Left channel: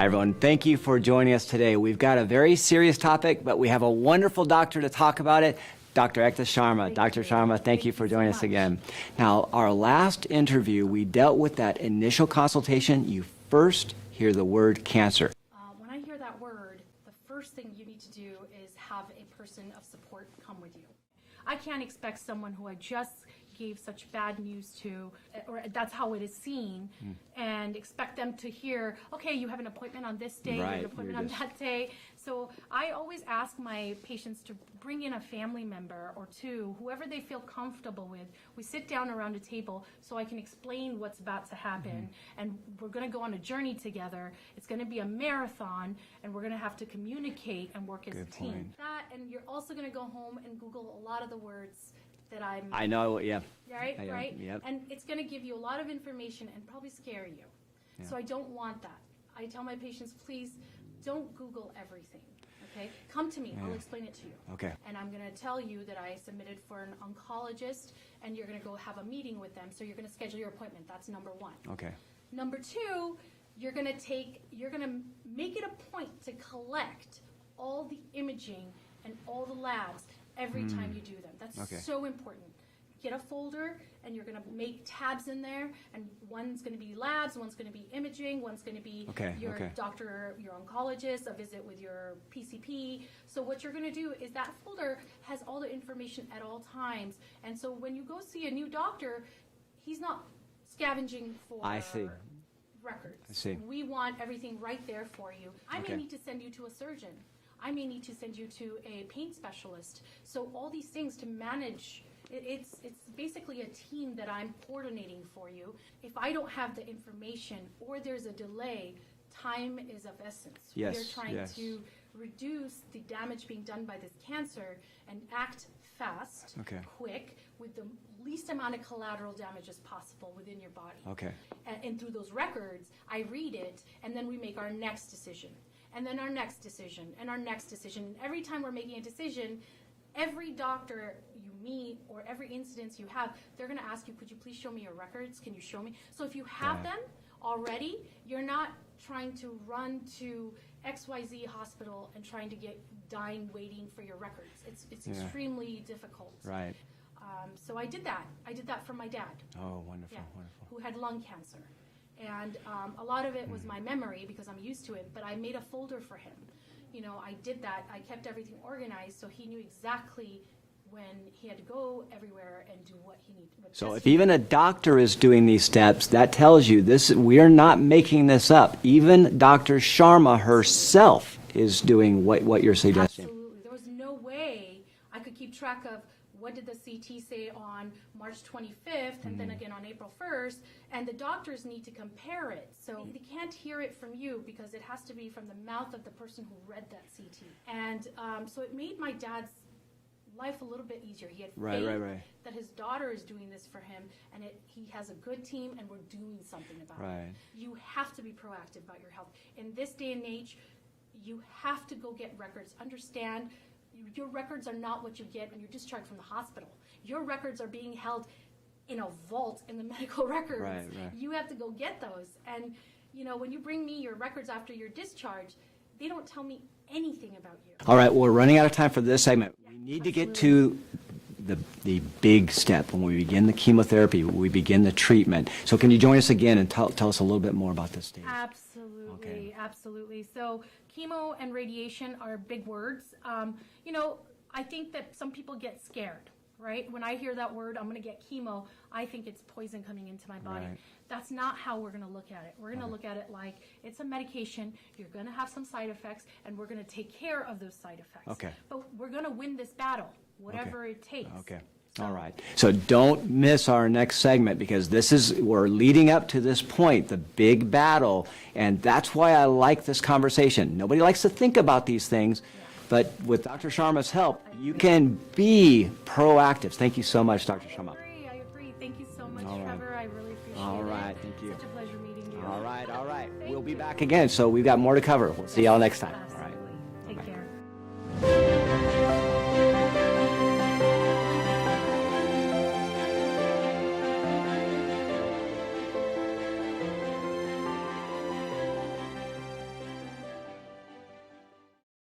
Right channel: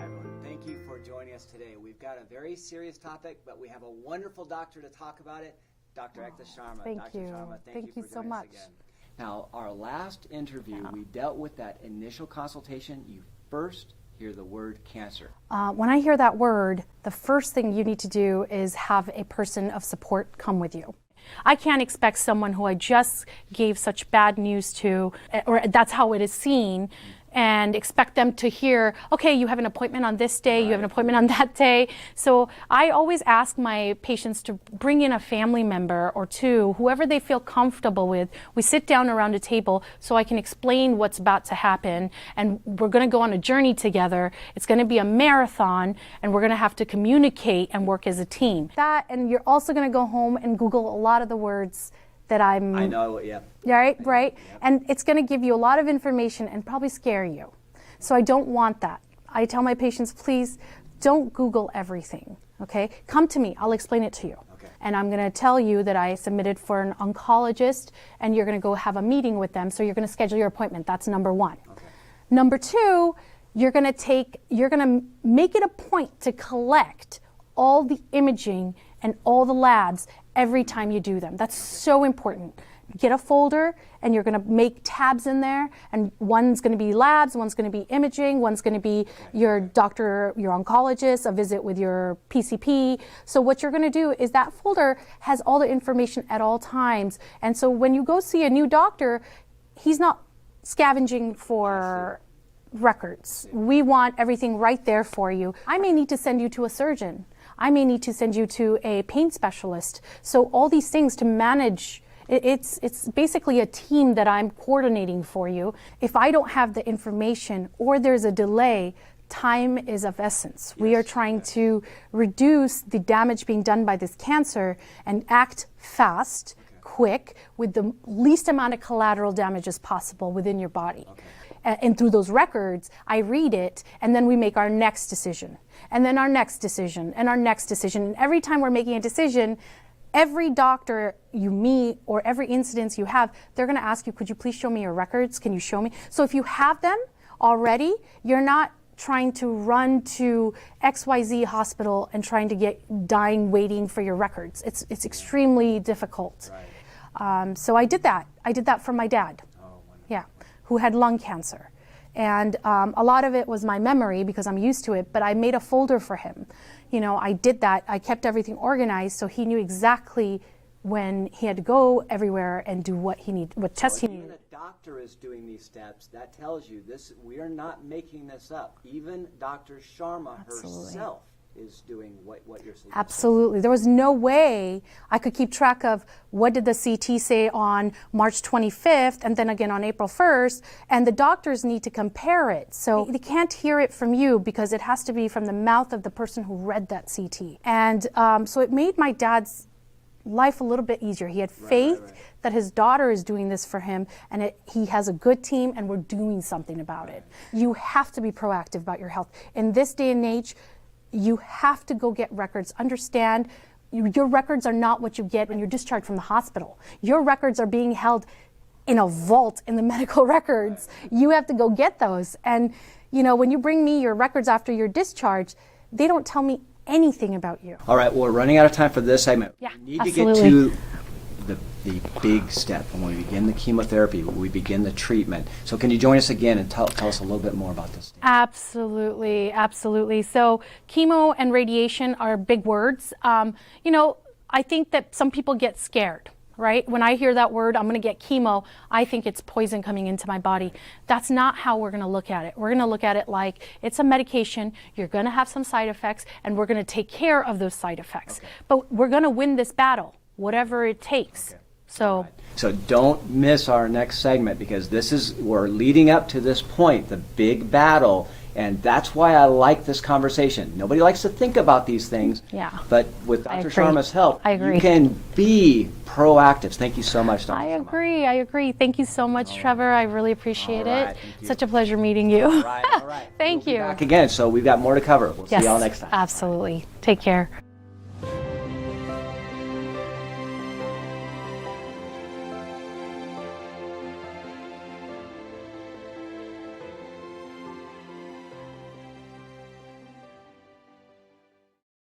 Hi, everyone. Thank you for joining us today. We've got a very serious topic, but we have a wonderful doctor to talk about it, Dr. Ekta Sharma. Dr. Sharma, thank you for joining us again. Now, our last interview, we dealt with that initial consultation. You first hear the word cancer. When I hear that word, the first thing you need to do is have a person of support come with you. I can't expect someone who I just gave such bad news to, or that's how it is seen, and expect them to hear, okay, you have an appointment on this day, you have an appointment on that day. So I always ask my patients to bring in a family member or two, whoever they feel comfortable with. We sit down around a table so I can explain what's about to happen, and we're going to go on a journey together. It's going to be a marathon, and we're going to have to communicate and work as a team. That, and you're also going to go home and Google a lot of the words that I know, yeah. Right. Yep. And it's going to give you a lot of information and probably scare you. So I don't want that. I tell my patients, please don't Google everything, okay? Come to me, I'll explain it to you. Okay. And I'm going to tell you that I submitted for an oncologist, and you're going to go have a meeting with them, so you're going to schedule your appointment. That's number one. Okay. Number two, you're going to make it a point to collect all the imaging and all the labs every time you do them. That's so important. Get a folder, and you're going to make tabs in there, and one's going to be labs, one's going to be imaging, one's going to be your doctor, your oncologist, a visit with your PCP. So what you're going to do is that folder has all the information at all times. And so when you go see a new doctor, he's not scavenging for records. We want everything right there for you. I may need to send you to a surgeon. I may need to send you to a pain specialist. So all these things to manage, it's basically a team that I'm coordinating for you. If I don't have the information or there's a delay, time is of essence. We are trying to reduce the damage being done by this cancer and act fast, quick, with the least amount of collateral damage as possible within your body. And through those records, I read it, and then we make our next decision. And then our next decision, and our next decision. And every time we're making a decision, every doctor you meet or every incidence you have, they're going to ask you, could you please show me your records? Can you show me? So if you have them already, you're not trying to run to XYZ hospital and trying to get dying waiting for your records. It's extremely difficult. So I did that. I did that for my dad. Oh, wonderful. Yeah, who had lung cancer. And a lot of it was my memory because I'm used to it, but I made a folder for him. You know, I did that. I kept everything organized so he knew exactly when he had to go everywhere and do what he needed, what tests he needed. Even a doctor is doing these steps, that tells you this. We are not making this up. Even Dr. Sharma herself is doing what you're suggesting. Absolutely. There was no way I could keep track of what did the CT say on March 25th and then again on April 1st, and the doctors need to compare it. So they can't hear it from you because it has to be from the mouth of the person who read that CT. And so it made my dad's life a little bit easier. He had faith that his daughter is doing this for him, and he has a good team, and we're doing something about it. You have to be proactive about your health. In this day and age, you have to go get records. Understand, your records are not what you get when you're discharged from the hospital. Your records are being held in a vault in the medical records. You have to go get those. And you know, when you bring me your records after your discharge, they don't tell me anything about you. All right, well, we're running out of time for this segment. Yeah, we need to get to the big step when we begin the chemotherapy, when we begin the treatment. So can you join us again and tell us a little bit more about this? Absolutely, absolutely. So chemo and radiation are big words. You know, I think that some people get scared, right? When I hear that word, I'm going to get chemo, I think it's poison coming into my body. That's not how we're going to look at it. We're going to look at it like it's a medication, you're going to have some side effects, and we're going to take care of those side effects. But we're going to win this battle, whatever it takes. So, so don't miss our next segment, because we're leading up to this point, the big battle, and that's why I like this conversation. Nobody likes to think about these things, but with Dr. Sharma's help, you can be proactive. Thank you so much, Dr. Sharma. I agree. Thank you so much, Trevor. I really appreciate it. Such a pleasure meeting you. All right. Thank you. Back again, so we've got more to cover. We'll see y'all next time. Absolutely. Take care.